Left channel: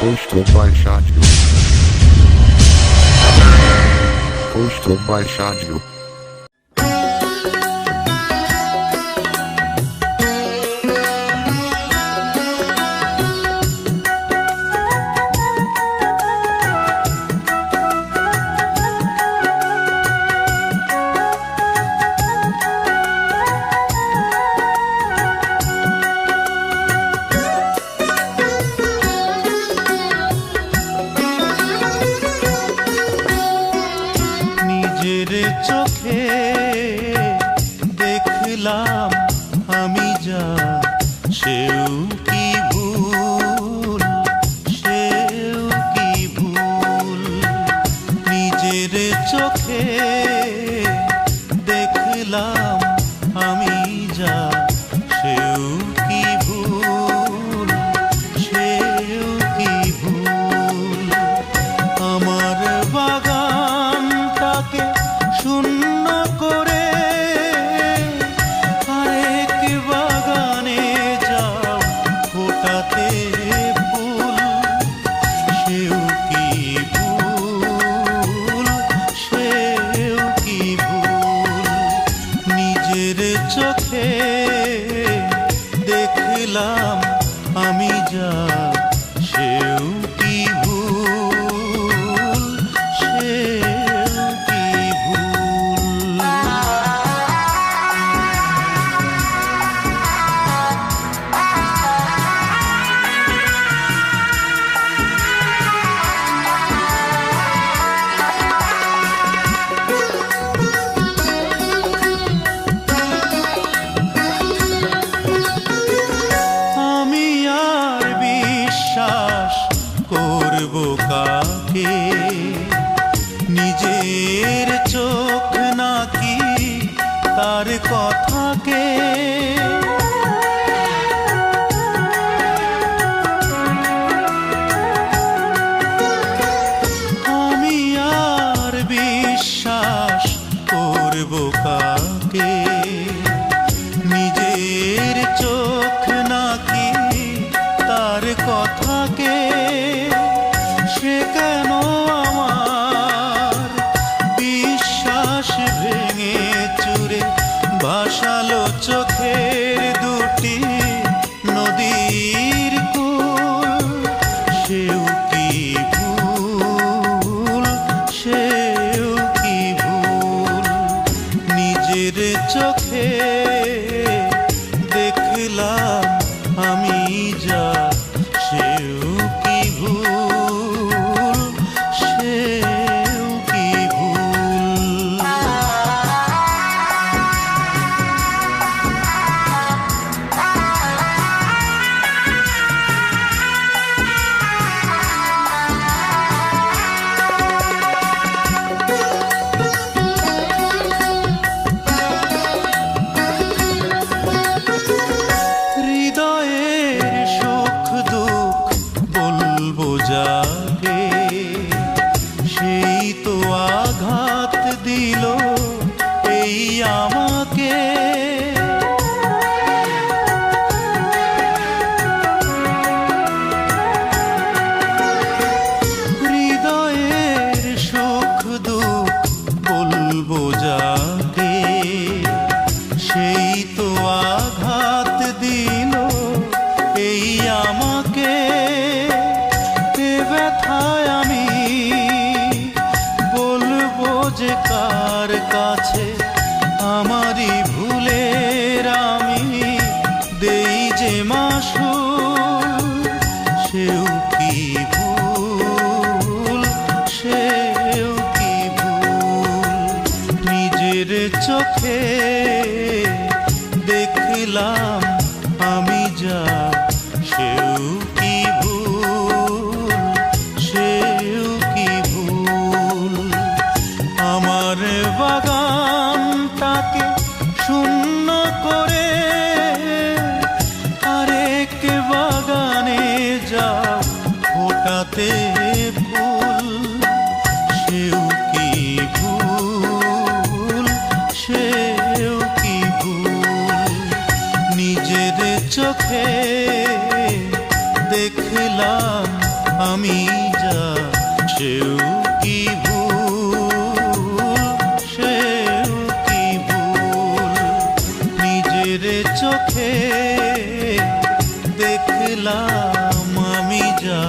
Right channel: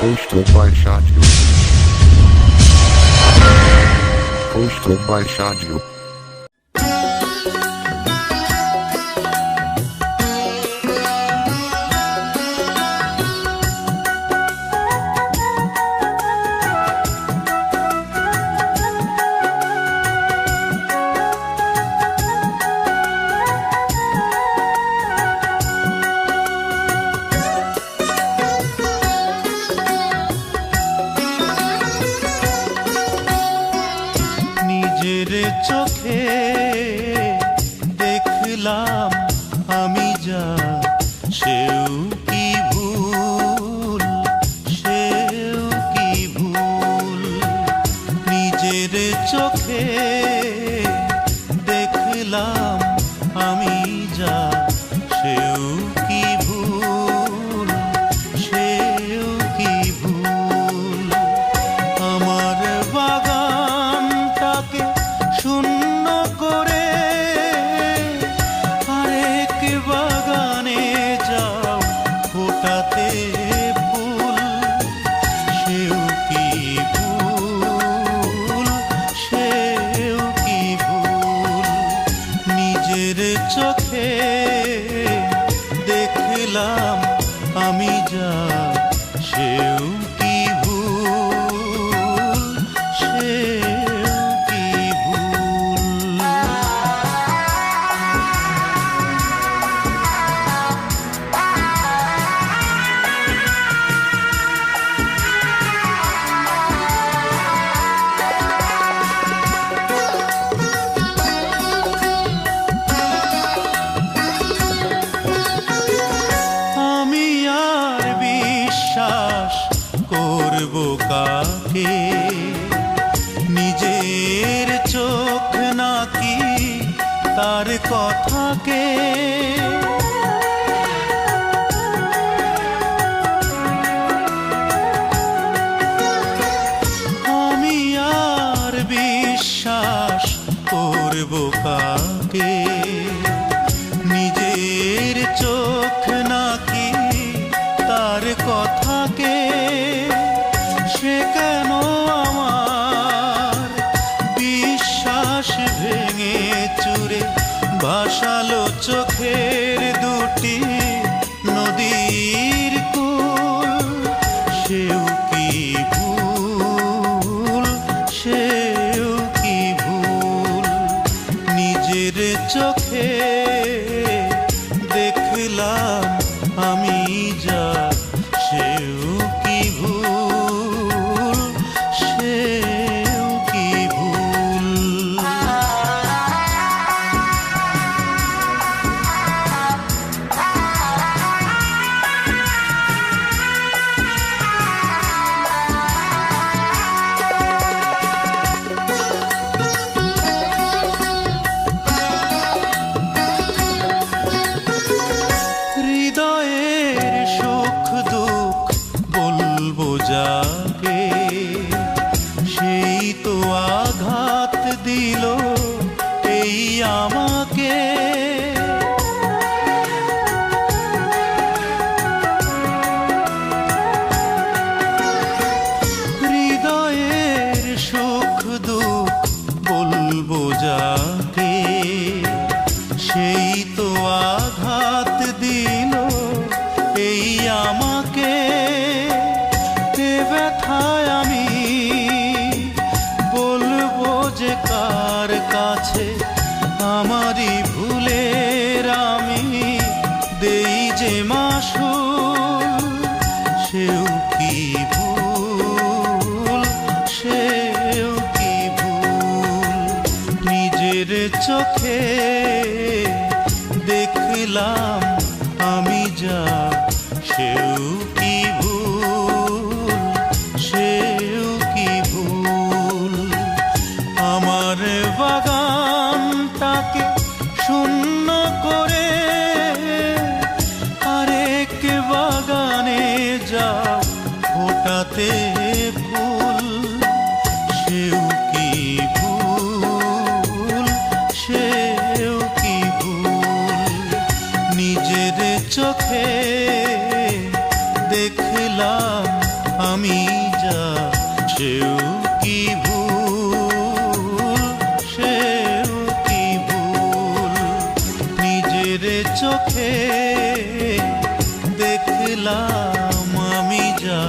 Coastal Baixádio. Coastal Baixádio. নিজের চোখে দেখলাম আমি যা, সেও কি ভুল, সেও কি ভুল। নিজের চোখে দেখলাম আমি যা, সেও কি ভুল, সেও কি ভুল। আমার বাগানটাকে শূন্য করে আরেক বাগানে যাও ফোটাতে ফুল, সেও কি ভুল, সেও কি ভুল। নিজের চোখে দেখলাম আমি যা, সেও কি ভুল, সেও কি ভুল। আমি আর বিশ্বাস করব কাকে, নিজের চোখ নাকি তার কথাকে। আমি আর বিশ্বাস করব কাকে, নিজের চোখ নাকি তার কথাকে। সে কেন আমার বিশ্বাস ভেঙে চুরে ভাসালো চোখের দুটি নদীর কূল, সেও কি ভুল, সেও কি ভুল। নিজের চোখে দেখলাম আমি যা, সেও কি ভুল, সেও কি ভুল। হৃদয়ের সুখ দুঃখ বলবো যাকে, সেই তো আঘাত দিল এই আমাকে। হৃদয়ের সুখ দুঃখ বলবো যাকে, সেই তো আঘাত দিল এই আমাকে। এ ব্যথায় আমি বলবো যে কার কাছে, আমারই ভুলের আমি দেই যে মাসুল, সেও কি ভুল, সেও কি ভুল। নিজের চোখে দেখলাম আমি যা, সেও কি ভুল, সেও কি ভুল। আমার বাগানটাকে শূন্য করে আরেক বাগানে যাও ফোটাতে ফুল, সেও কি ভুল, সেও কি ভুল। নিজের চোখে দেখলাম আমি যা সেও কি ভুল, সেও কি ভুল। নিজের চোখে দেখলাম আমি যা